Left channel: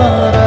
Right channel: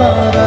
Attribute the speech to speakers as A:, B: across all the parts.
A: la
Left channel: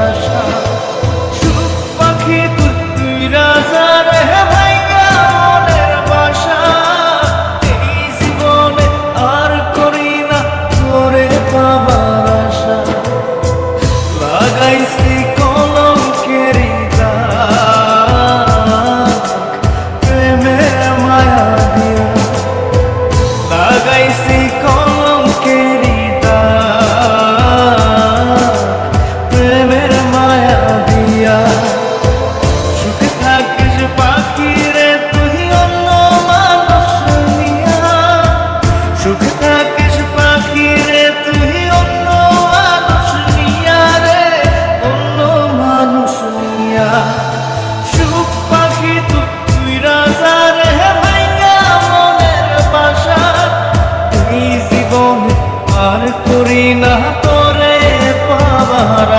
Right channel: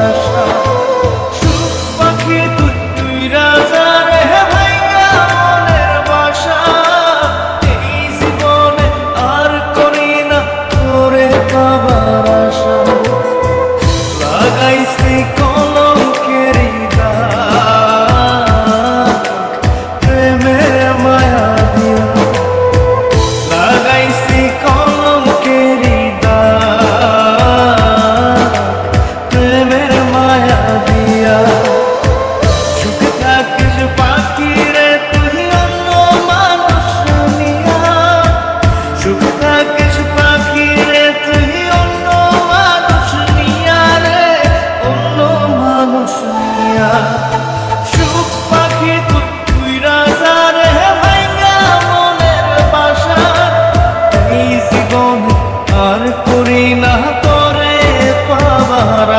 A: আমার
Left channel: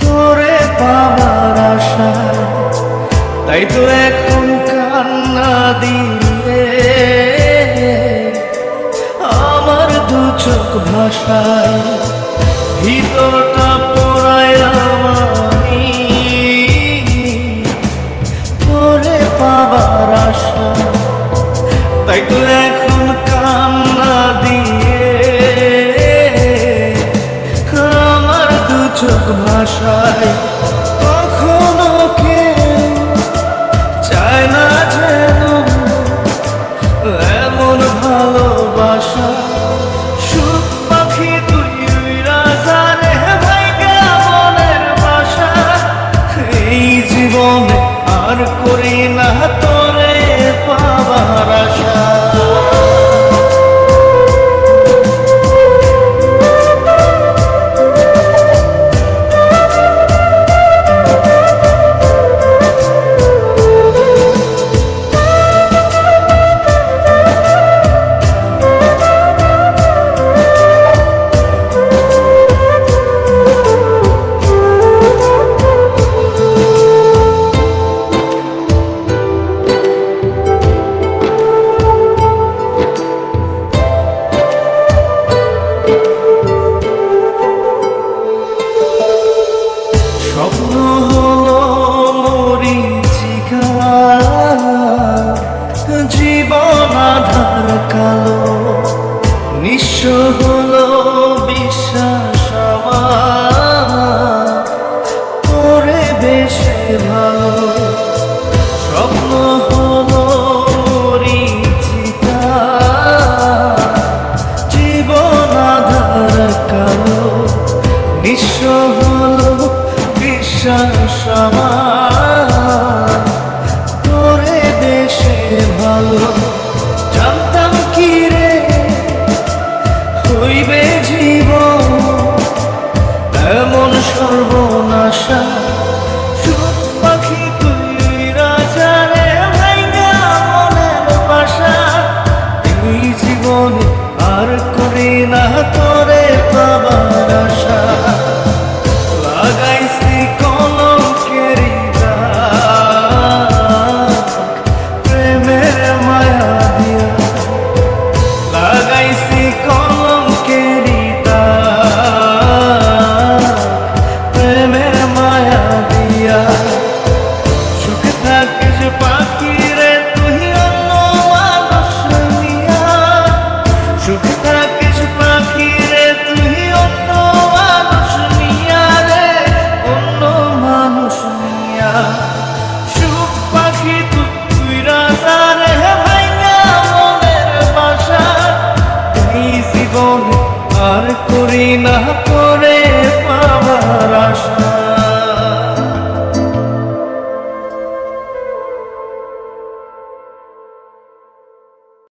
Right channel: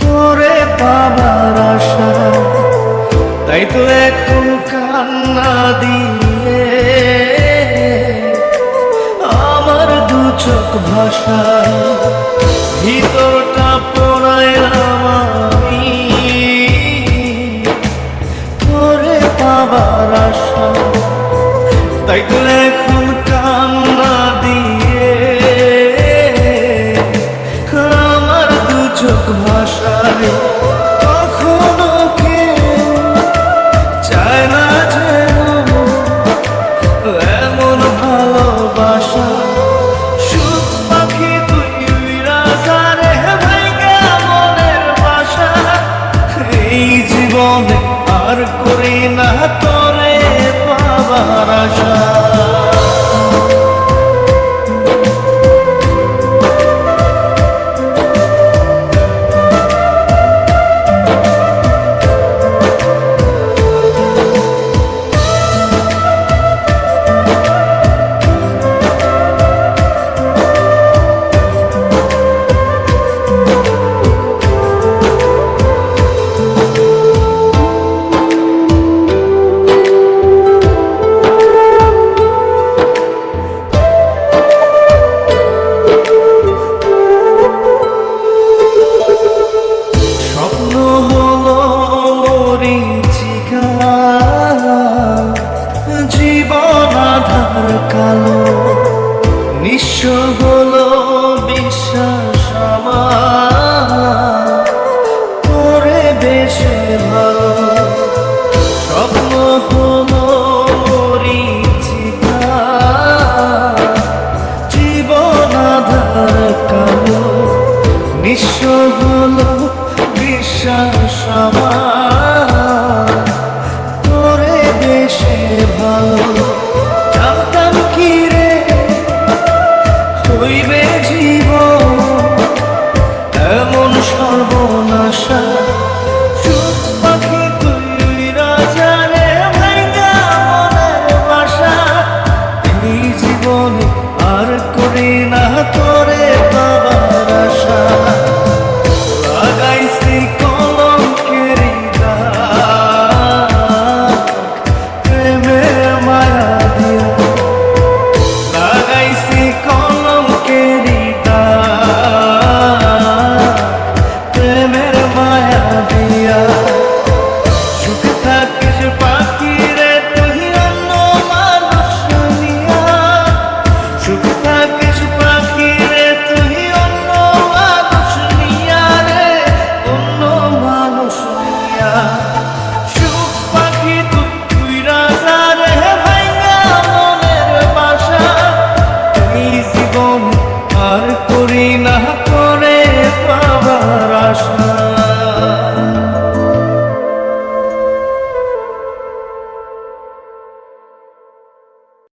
A: তোরে পাবার আশা তাই তো এখন কান্না দিয়ে আমার দু চোখ ভাষায় ভিতরটা ভাষায় কখনো কেউ চায় না যেন এমন ভালোবাসা। সুখ তুই রাজারে ভাই বাসা? এই জীবনে আর করি না তোরে পাবার আশা। ভালো, স্বপ্ন হল পরিচিতা জীবন আধার কালো, নিঃস্ব হল বিশ্বাস আমার। তোরে দেশে ভালো, জানতাম কি রে? হইবে জীবন এমন সর্বনাশা। আমি আর করি না তোরে পাবার আশা। i'm corpo